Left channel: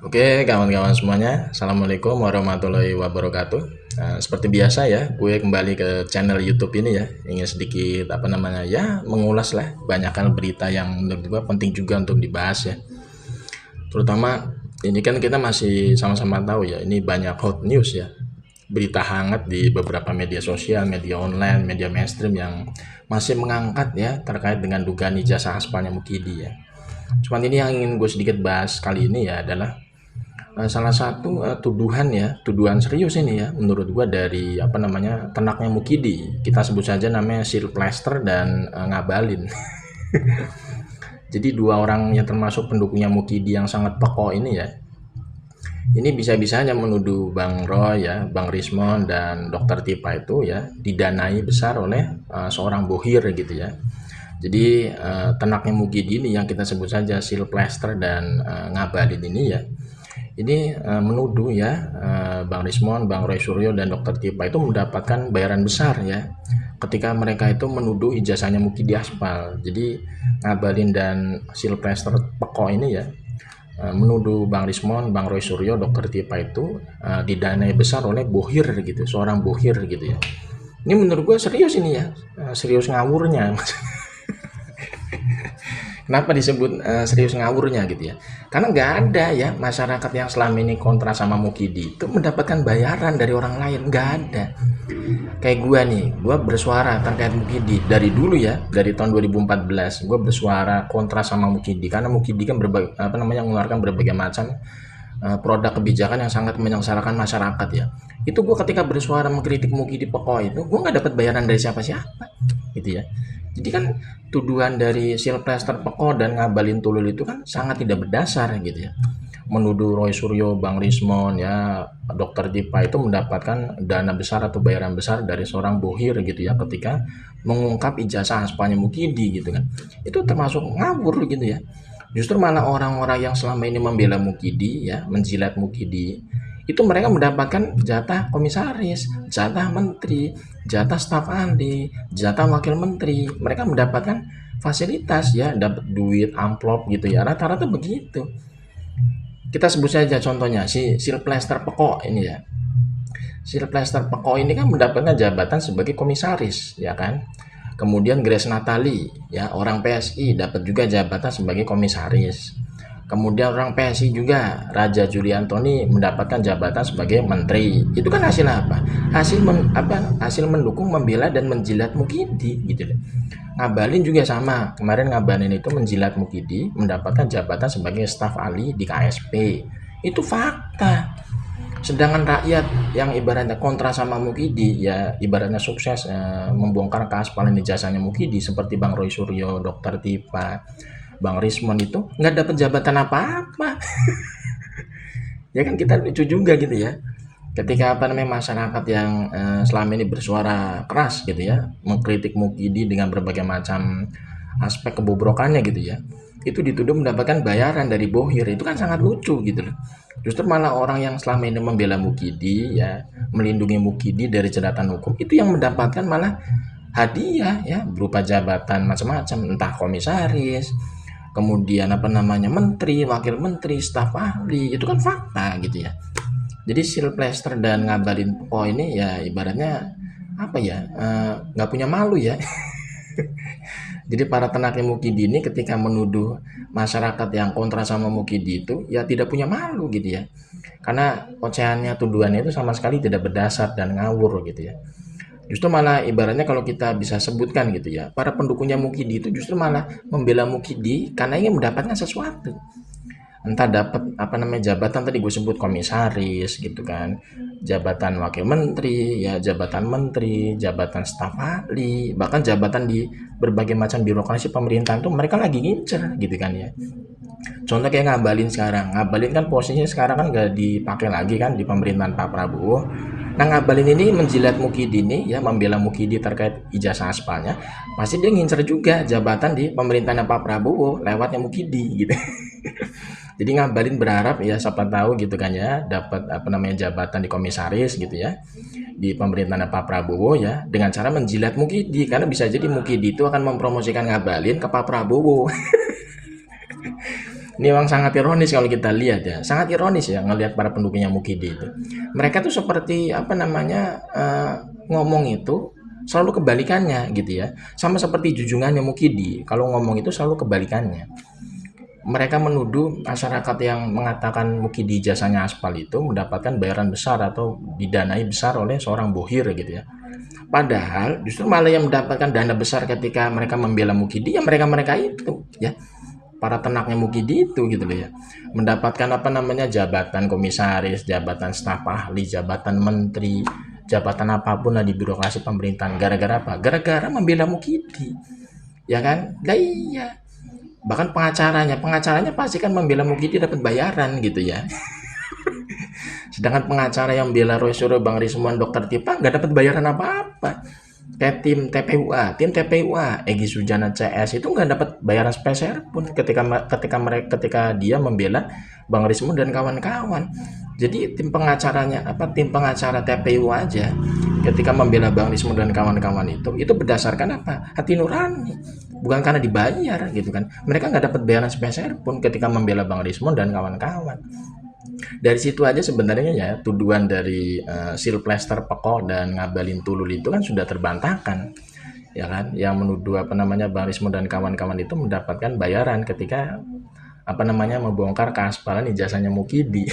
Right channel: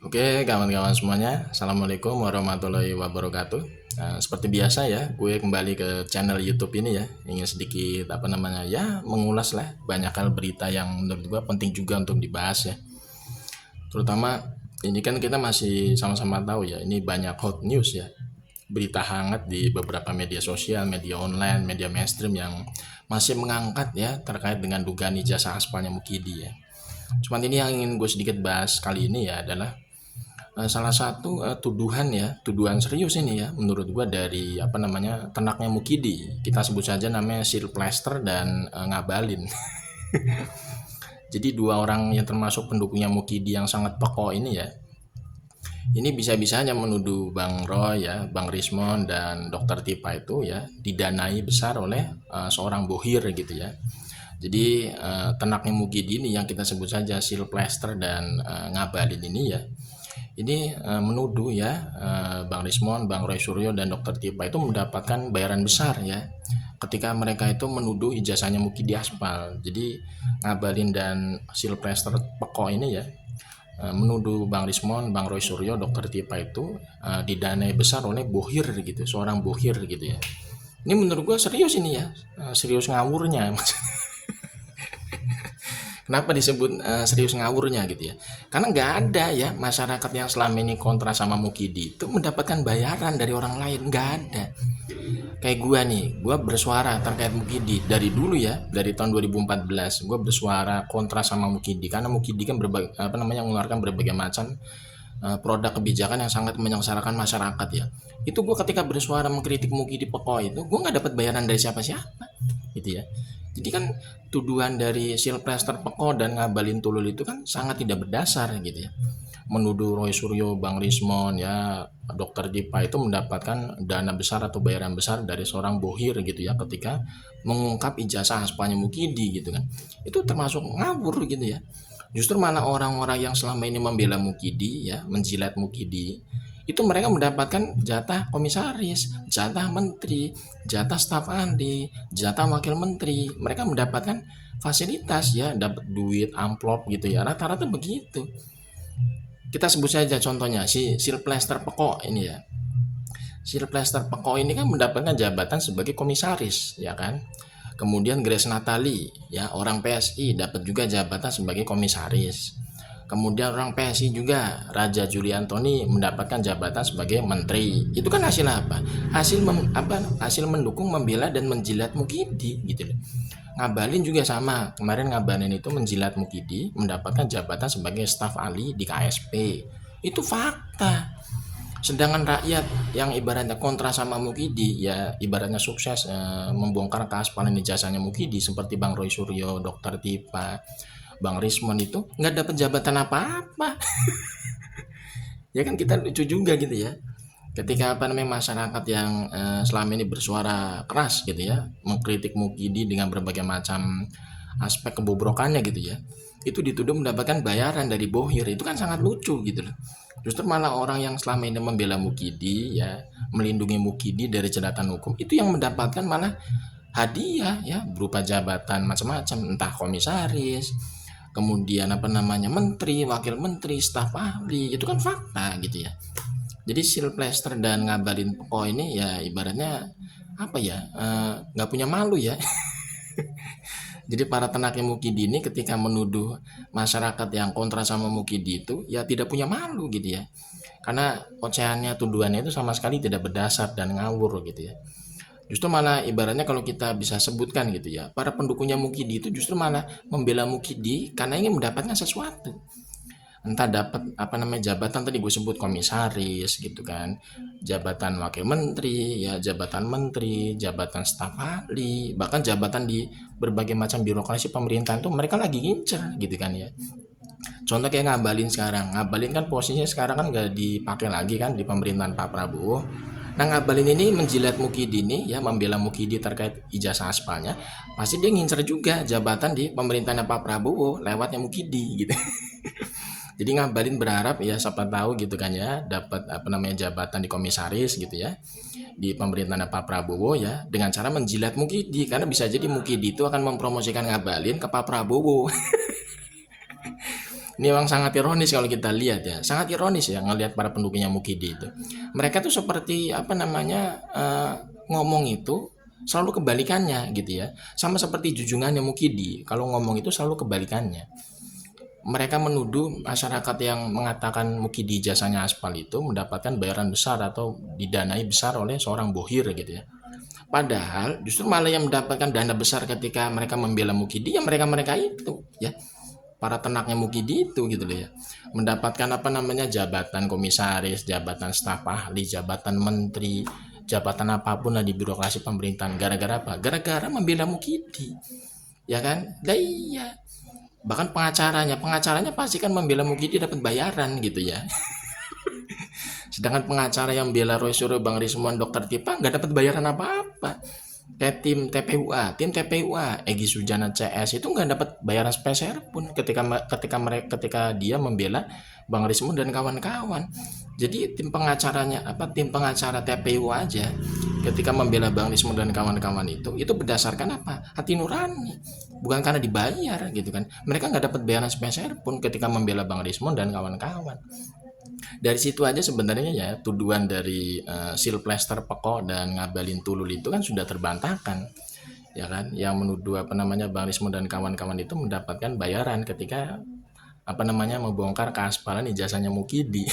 Oke, kawan-kawan semuanya, Assalamualaikum warahmatullahi wabarakatuh. Nah, seperti biasa ya, gue kembali ke channel YouTube ini ya, ingin sedikit ya, mengulas lah banyak hal berita yang menurut gue penting juga untuk dibahas ya. Terutama ini kan kita masih sama-sama tahu ya, ini banyak hot news ya, berita hangat di beberapa media sosial, media online, media mainstream yang masih mengangkat ya terkait dengan dugaan ijazah aspalnya Mukidi ya. Cuman ini yang ingin gue sedikit bahas kali ini ya adalah salah satu tuduhan serius ini ya menurut gua dari ternaknya Mukidi. Kita sebut saja namanya Silvester dan Ngabalin. Jadi dua orang yang termasuk pendukungnya Mukidi yang sangat pokok ini ya. Ini bisa-bisanya menuduh Bang Roy ya, Bang Rismon dan Dokter Tipa itu ya didanai besar oleh seorang bohir gitu ya. Jadi ternaknya Mukidi ini yang kita sebut saja Silvester dan Ngabalin ini ya ini menuduh ya Bang Rismon, Bang Roy Suryo dan Dokter Tipa itu mendapatkan bayaran besar ya ketika mereka itu menuduh ijazahnya Mukidi Aspal. Jadi Ngabalin dan Silvester Peko ini ya menuduh Bang Rismon, Bang Roy Suryo, Dokter Tipa itu didanai besar oleh bohir gitu, seorang bohir gitu ya. Ini menurut gue serius ini ya, serius ngawurnya. Kenapa disebut serius ngawurnya gitu ya? Karena nggak ada ya masyarakat yang selama ini kontra sama Mukidi itu mendapatkan bayaran dari orang lain, nggak ada. Kayak gua nih, gua bersuara terkait Mukidi dari dulu ya, dari tahun 2014 gua bersuara kontra sama Mukidi karena Mukidi kan mengeluarkan berbagai macam produk kebijakan yang sangat menyengsarakan masyarakat ya. Itu gua ketika bersuara mengkritik Mukidi pokok itu, gua nggak dapat bayaran dari siapa-siapa gitu ya. Jadi kan tuduhan dari Silvester Peko dan Ngabalin Tulul itu kan sangat tidak berdasar gitu ya. Menuduh Roy Suryo, Bang Rismon ya, Dokter Dipa itu mendapatkan dana besar atau bayaran besar dari seorang bohir gitu ya ketika mengungkap ijazah aspalnya Mukidi gitu kan. Itu termasuk ngawur gitu ya. Justru malah orang-orang yang selama ini membela Mukidi ya, menjilat Mukidi, itu mereka mendapatkan jatah komisaris, jatah menteri, jatah staf ahli, jatah wakil menteri. Mereka mendapatkan fasilitas ya, dapat duit amplop gitu ya. Rata-rata begitu. Kita sebut saja contohnya si Silvester Peko ini ya. Silvester Peko ini kan mendapatkan jabatan sebagai komisaris, ya kan? Kemudian Grace Natali, ya orang PSI dapat juga jabatan sebagai komisaris. Kemudian orang PSI juga Raja Juli Antoni mendapatkan jabatan sebagai menteri. Itu kan hasil apa? Hasil mendukung, membela dan menjilat Mukidi gitu loh. Ngabalin juga sama. Kemarin Ngabalin itu menjilat Mukidi mendapatkan jabatan sebagai staf ahli di KSP. Itu fakta. Sedangkan rakyat yang ibaratnya kontra sama Mukidi ya ibaratnya sukses membongkar keaspalan ijazahnya Mukidi seperti Bang Roy Suryo, Dokter Tipa, Bang Rismon itu nggak dapat jabatan apa-apa. Ya kan kita lucu juga gitu ya. Ketika masyarakat yang selama ini bersuara keras gitu ya, mengkritik Mukidi dengan berbagai macam aspek kebobrokannya gitu ya. Itu dituduh mendapatkan bayaran dari bohir, itu kan sangat lucu gitu loh. Justru malah orang yang selama ini membela Mukidi ya, melindungi Mukidi dari jeratan hukum, itu yang mendapatkan malah hadiah ya berupa jabatan macam-macam, entah komisaris, kemudian menteri, wakil menteri, staf ahli, itu kan fakta gitu ya. Jadi Silvester dan Ngabalin Peko ini ya ibaratnya nggak punya malu ya. Jadi para tenaknya Mukidi ini ketika menuduh masyarakat yang kontra sama Mukidi itu ya tidak punya malu gitu ya. Karena ocehannya tuduhannya itu sama sekali tidak berdasar dan ngawur gitu ya. Justru malah ibaratnya kalau kita bisa sebutkan gitu ya, para pendukungnya Mukidi itu justru malah membela Mukidi karena ingin mendapatkan sesuatu. Entah dapat jabatan tadi gue sebut komisaris gitu kan, jabatan wakil menteri ya, jabatan menteri, jabatan staf ahli, bahkan jabatan di berbagai macam birokrasi pemerintahan tuh mereka lagi ngincer gitu kan ya. Contoh kayak Ngabalin sekarang, Ngabalin kan posisinya sekarang kan gak dipakai lagi kan di pemerintahan Pak Prabowo. Nah Ngabalin ini menjilat Mukidi ini ya, membela Mukidi terkait ijazah aspalnya, pasti dia ngincer juga jabatan di pemerintahan Pak Prabowo lewatnya Mukidi gitu. Jadi Ngabalin berharap ya siapa tahu gitu kan ya dapat jabatan di komisaris gitu ya di pemerintahan Pak Prabowo ya dengan cara menjilat Mukidi, karena bisa jadi Mukidi itu akan mempromosikan Ngabalin ke Pak Prabowo. Ini memang sangat ironis kalau kita lihat ya, sangat ironis ya ngelihat para pendukungnya Mukidi itu. Mereka tuh seperti apa namanya ngomong itu selalu kebalikannya gitu ya. Sama seperti junjungannya Mukidi, kalau ngomong itu selalu kebalikannya. Mereka menuduh masyarakat yang mengatakan Mukidi jasanya aspal itu mendapatkan bayaran besar atau didanai besar oleh seorang bohir gitu ya. Padahal justru malah yang mendapatkan dana besar ketika mereka membela Mukidi ya mereka-mereka itu ya, para tenaknya Mukidi itu gitu loh ya, mendapatkan apa namanya jabatan komisaris, jabatan staf ahli, jabatan menteri, jabatan apapun lah di birokrasi pemerintahan gara-gara apa? Gara-gara membela Mukidi, ya kan? Lah iya, bahkan pengacaranya pasti kan membela Mukidi dapat bayaran gitu ya. Sedangkan pengacara yang bela Roy Suryo, Bang Rismon, Dokter Tipa nggak dapat bayaran apa-apa. Kayak tim TPUA, Egy Sujana CS itu nggak dapat bayaran speser pun ketika dia membela Bang Rismon dan kawan-kawan. Jadi tim pengacara TPU aja ketika membela Bang Rismon dan kawan-kawan itu berdasarkan apa? Hati nurani, bukan karena dibayar gitu kan. Mereka nggak dapat bayaran speser pun ketika membela Bang Rismon dan kawan-kawan. Dari situ aja sebenarnya ya tuduhan dari Sylvester Peko dan Ngabalin Tulul itu kan sudah terbantahkan ya kan, yang menuduh apa namanya Bang Rismo dan kawan-kawan itu mendapatkan bayaran ketika apa namanya membongkar keaspalan ijazahnya Mukidi.